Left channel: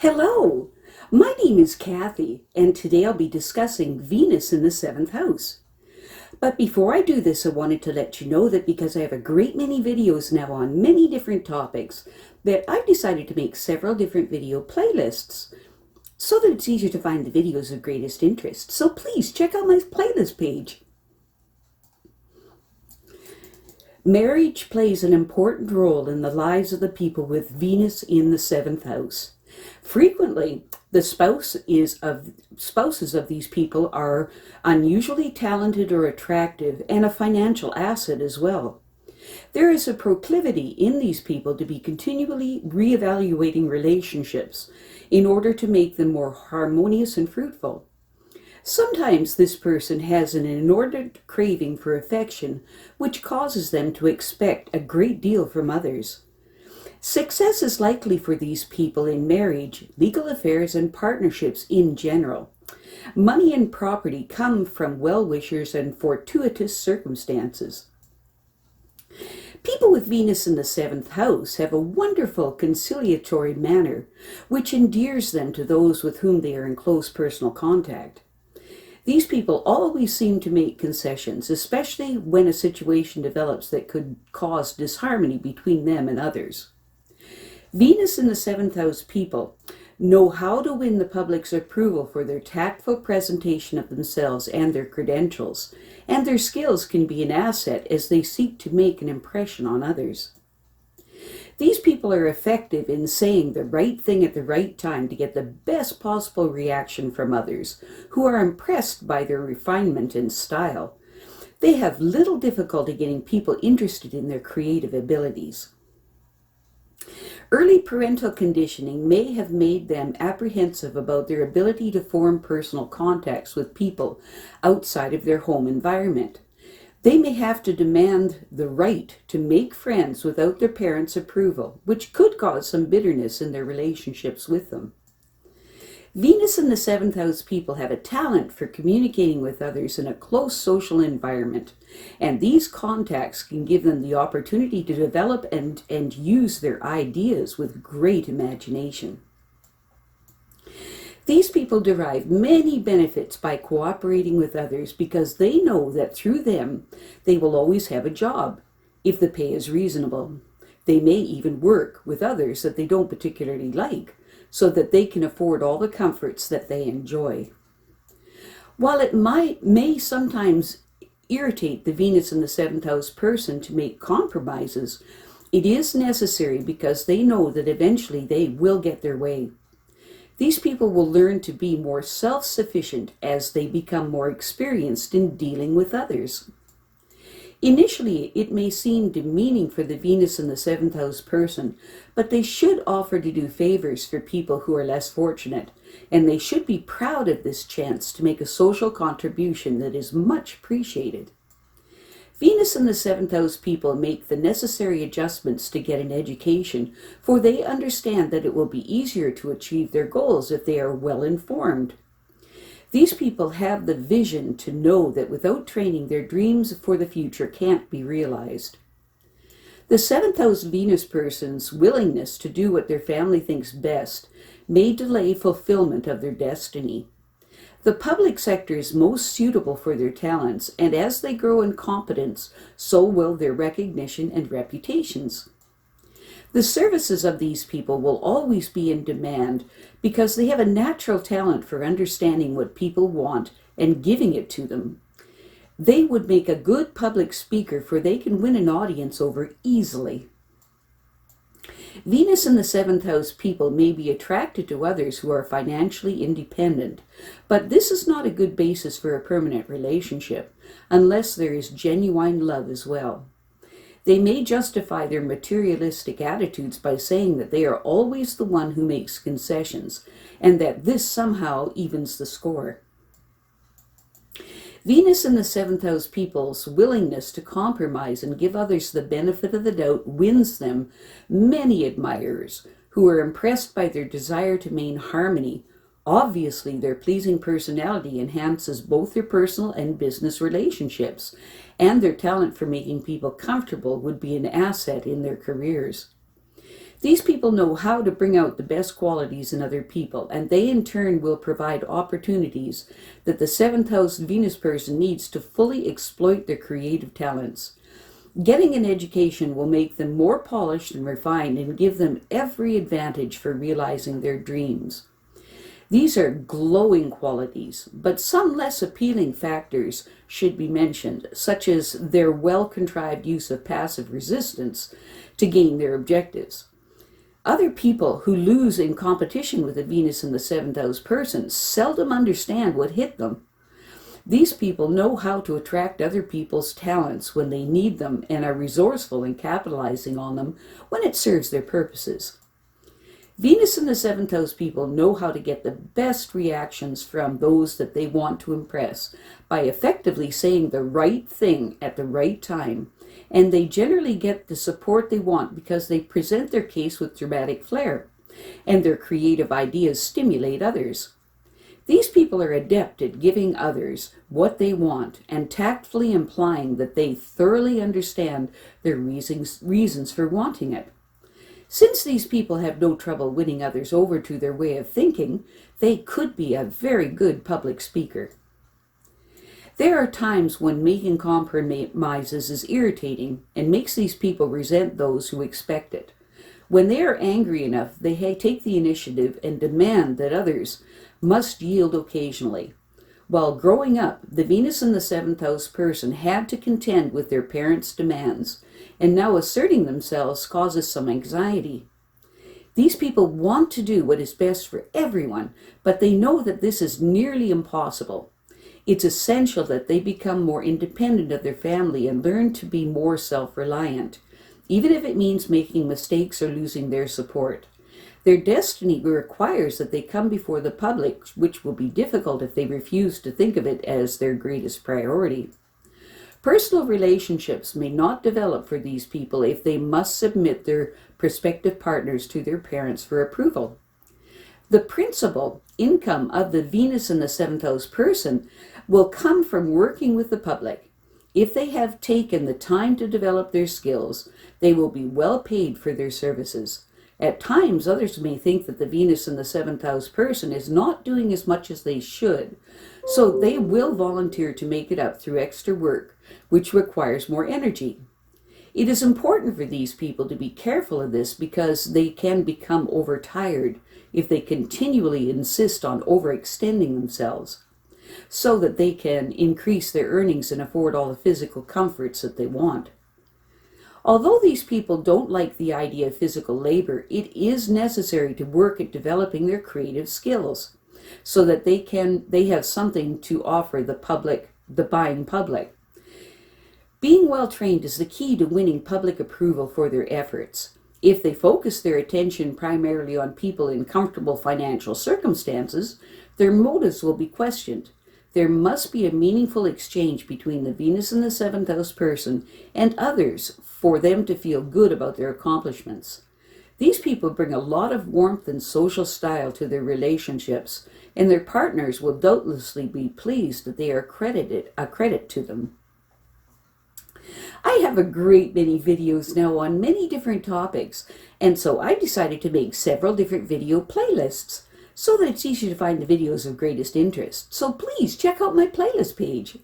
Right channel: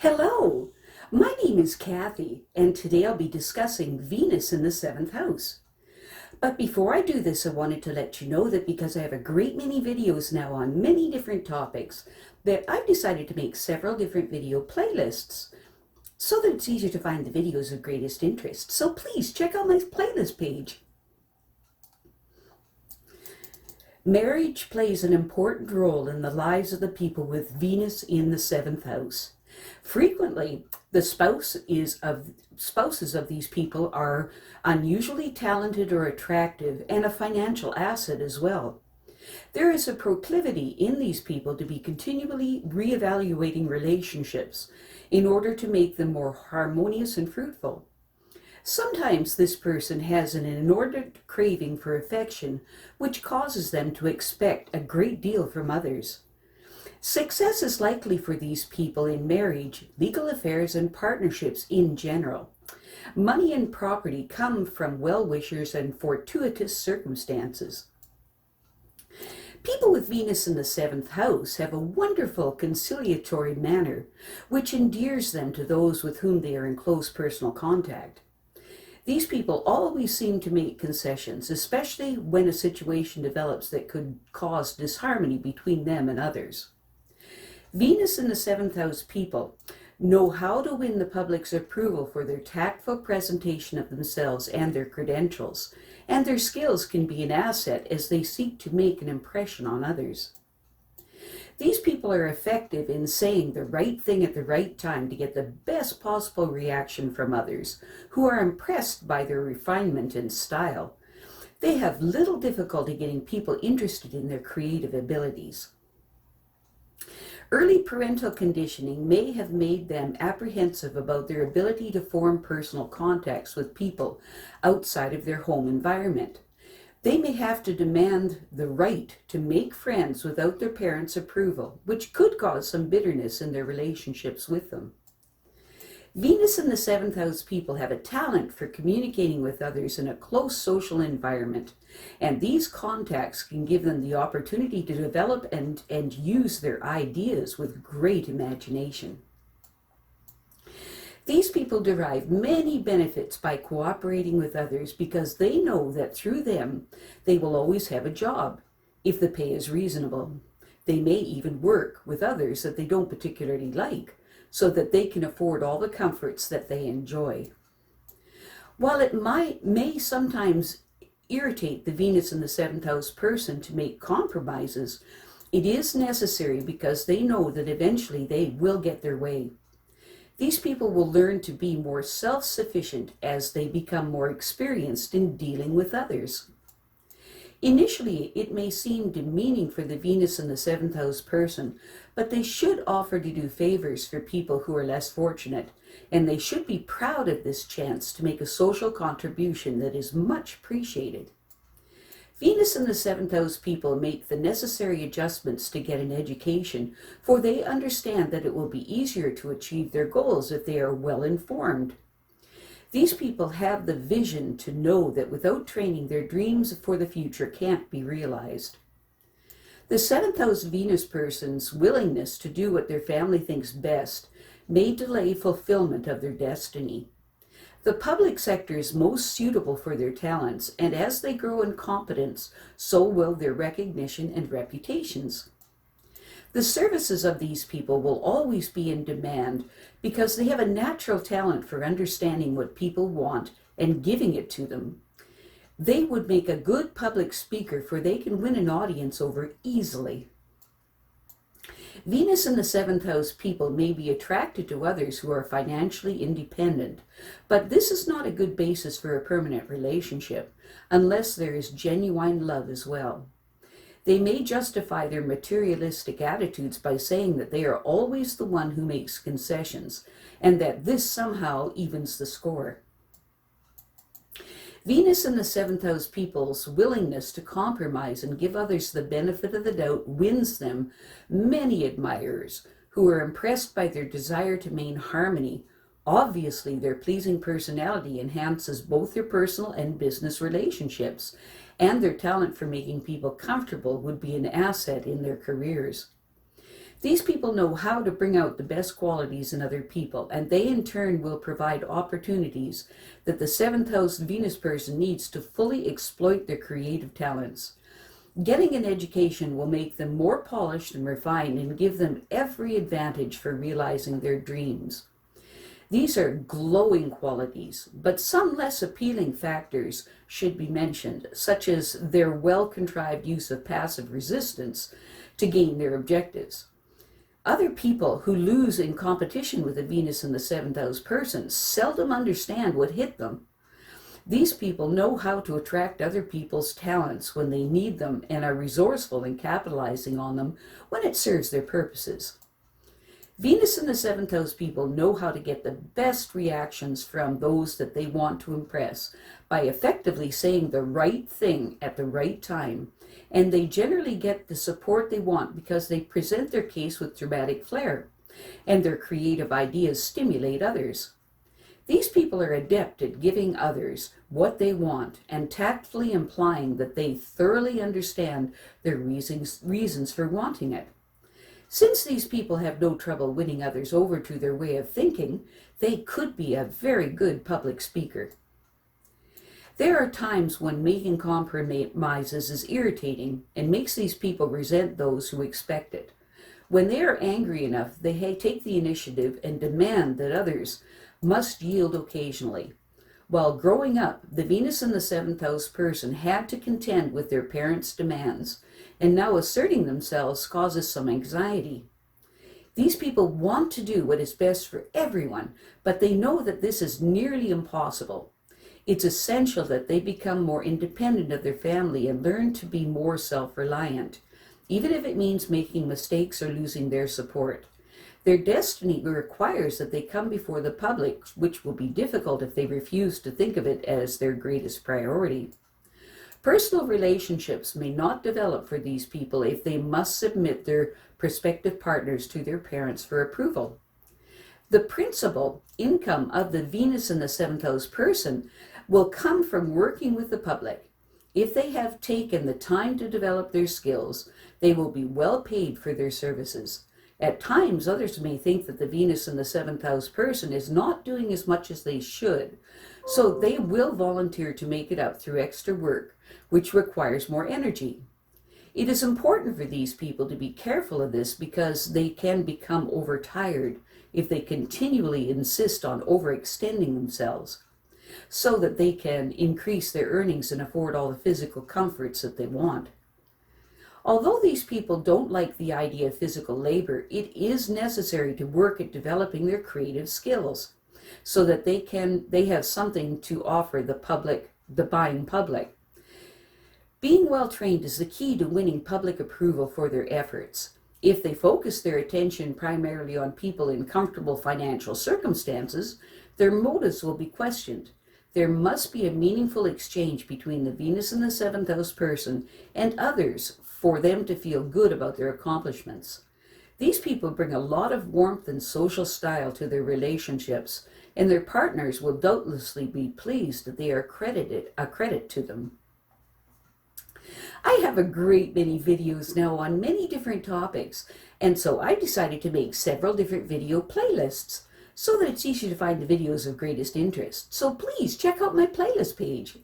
Hello, my name is Kathy, and today I'll be discussing Venus in the seventh house. But before I do this, I wanted to let you know that because I have a great many videos now on many different topics, that I've decided to make several different video playlists so that it's easier to find the videos of greatest interest. So please check out my playlist page. Marriage plays an important role in the lives of the people with Venus in the seventh house. Frequently, the spouses of these people are unusually talented or attractive and a financial asset as well. There is a proclivity in these people to be continually reevaluating relationships in order to make them more harmonious and fruitful. Sometimes this person has an inordinate craving for affection, which causes them to expect a great deal from others. Success is likely for these people in marriage, legal affairs, and partnerships in general. Money and property come from well-wishers and fortuitous circumstances. People with Venus in the seventh house have a wonderful conciliatory manner, which endears them to those with whom they are in close personal contact. These people always seem to make concessions, especially when a situation develops that could cause disharmony between them and others. Venus in the seventh house people know how to win the public's approval for their tactful presentation of themselves and their credentials, and their skills can be an asset as they seek to make an impression on others. These people are effective in saying the right thing at the right time to get the best possible reaction from others, who are impressed by their refinement and style. They have little difficulty getting people interested in their creative abilities. Early parental conditioning may have made them apprehensive about their ability to form personal contacts with people outside of their home environment. They may have to demand the right to make friends without their parents' approval, which could cause some bitterness in their relationships with them. Venus in the seventh house people have a talent for communicating with others in a close social environment, and these contacts can give them the opportunity to develop and use their ideas with great imagination. These people derive many benefits by cooperating with others because they know that through them they will always have a job, if the pay is reasonable. They may even work with others that they don't particularly like, so that they can afford all the comforts that they enjoy. While it may sometimes irritate the Venus in the seventh house person to make compromises, it is necessary because they know that eventually they will get their way. These people will learn to be more self-sufficient as they become more experienced in dealing with others. Initially, it may seem demeaning for the Venus in the seventh house person, but they should offer to do favors for people who are less fortunate, and they should be proud of this chance to make a social contribution that is much appreciated. Venus in the seventh house people make the necessary adjustments to get an education, for they understand that it will be easier to achieve their goals if they are well informed. These people have the vision to know that without training, their dreams for the future can't be realized. The seventh house Venus person's willingness to do what their family thinks best may delay fulfillment of their destiny. The public sector is most suitable for their talents, and as they grow in competence, so will their recognition and reputations. The services of these people will always be in demand because they have a natural talent for understanding what people want and giving it to them. They would make a good public speaker, for they can win an audience over easily. Venus in the seventh house people may be attracted to others who are financially independent, but this is not a good basis for a permanent relationship unless there is genuine love as well. They may justify their materialistic attitudes by saying that they are always the one who makes concessions, and that this somehow evens the score. Venus in the seventh house people's willingness to compromise and give others the benefit of the doubt wins them many admirers who are impressed by their desire to maintain harmony. Obviously, their pleasing personality enhances both their personal and business relationships, and their talent for making people comfortable would be an asset in their careers. These people know how to bring out the best qualities in other people, and they in turn will provide opportunities that the seventh house Venus person needs to fully exploit their creative talents. Getting an education will make them more polished and refined and give them every advantage for realizing their dreams. These are glowing qualities, but some less appealing factors should be mentioned, such as their well-contrived use of passive resistance to gain their objectives. Other people who lose in competition with a Venus in the seventh house person seldom understand what hit them. These people know how to attract other people's talents when they need them and are resourceful in capitalizing on them when it serves their purposes. Venus in the seventh house people know how to get the best reactions from those that they want to impress by effectively saying the right thing at the right time, and they generally get the support they want because they present their case with dramatic flair, and their creative ideas stimulate others. These people are adept at giving others what they want and tactfully implying that they thoroughly understand their reasons for wanting it. Since these people have no trouble winning others over to their way of thinking, they could be a very good public speaker. There are times when making compromises is irritating and makes these people resent those who expect it. When they are angry enough, they take the initiative and demand that others must yield occasionally. While growing up, the Venus in the seventh house person had to contend with their parents' demands, and now asserting themselves causes some anxiety. These people want to do what is best for everyone, but they know that this is nearly impossible. It's essential that they become more independent of their family and learn to be more self-reliant, even if it means making mistakes or losing their support. Their destiny requires that they come before the public, which will be difficult if they refuse to think of it as their greatest priority. Personal relationships may not develop for these people if they must submit their prospective partners to their parents for approval. The principal income of the Venus in the seventh house person will come from working with the public. If they have taken the time to develop their skills, they will be well paid for their services. At times, others may think that the Venus in the seventh house person is not doing as much as they should, so they will volunteer to make it up through extra work, which requires more energy. It is important for these people to be careful of this because they can become overtired if they continually insist on overextending themselves, so that they can increase their earnings and afford all the physical comforts that they want. Although these people don't like the idea of physical labor, it is necessary to work at developing their creative skills so that they have something to offer the buying public. Being well trained is the key to winning public approval for their efforts. If they focus their attention primarily on people in comfortable financial circumstances, their motives will be questioned. There must be a meaningful exchange between the Venus in the seventh house person and others for them to feel good about their accomplishments. These people bring a lot of warmth and social style to their relationships, and their partners will doubtlessly be pleased that they are a credit to them. I have a great many videos now on many different topics, and so I decided to make several different video playlists so that it's easy to find the videos of greatest interest. So please check out my playlist page.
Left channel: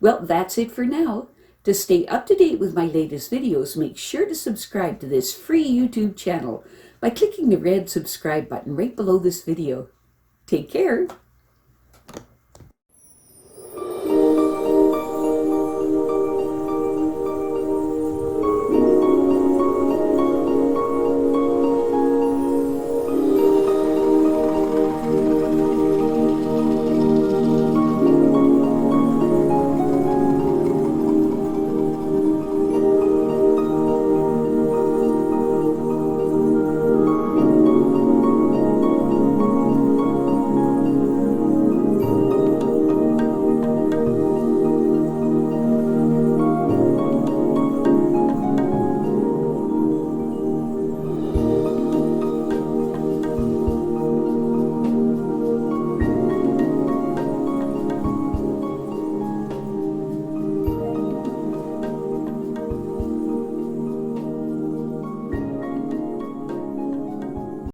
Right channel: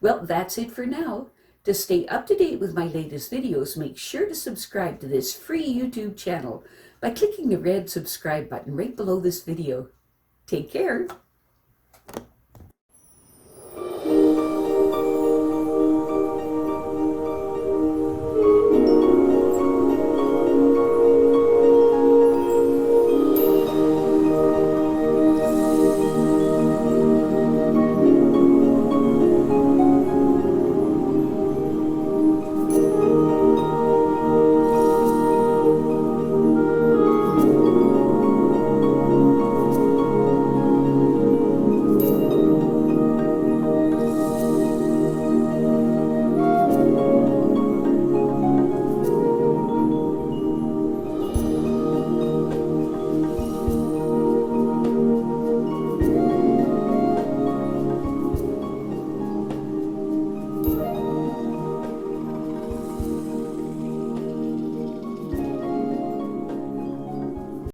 Well, that's it for now. To stay up to date with my latest videos, make sure to subscribe to this free YouTube channel by clicking the red subscribe button right below this video. Take care.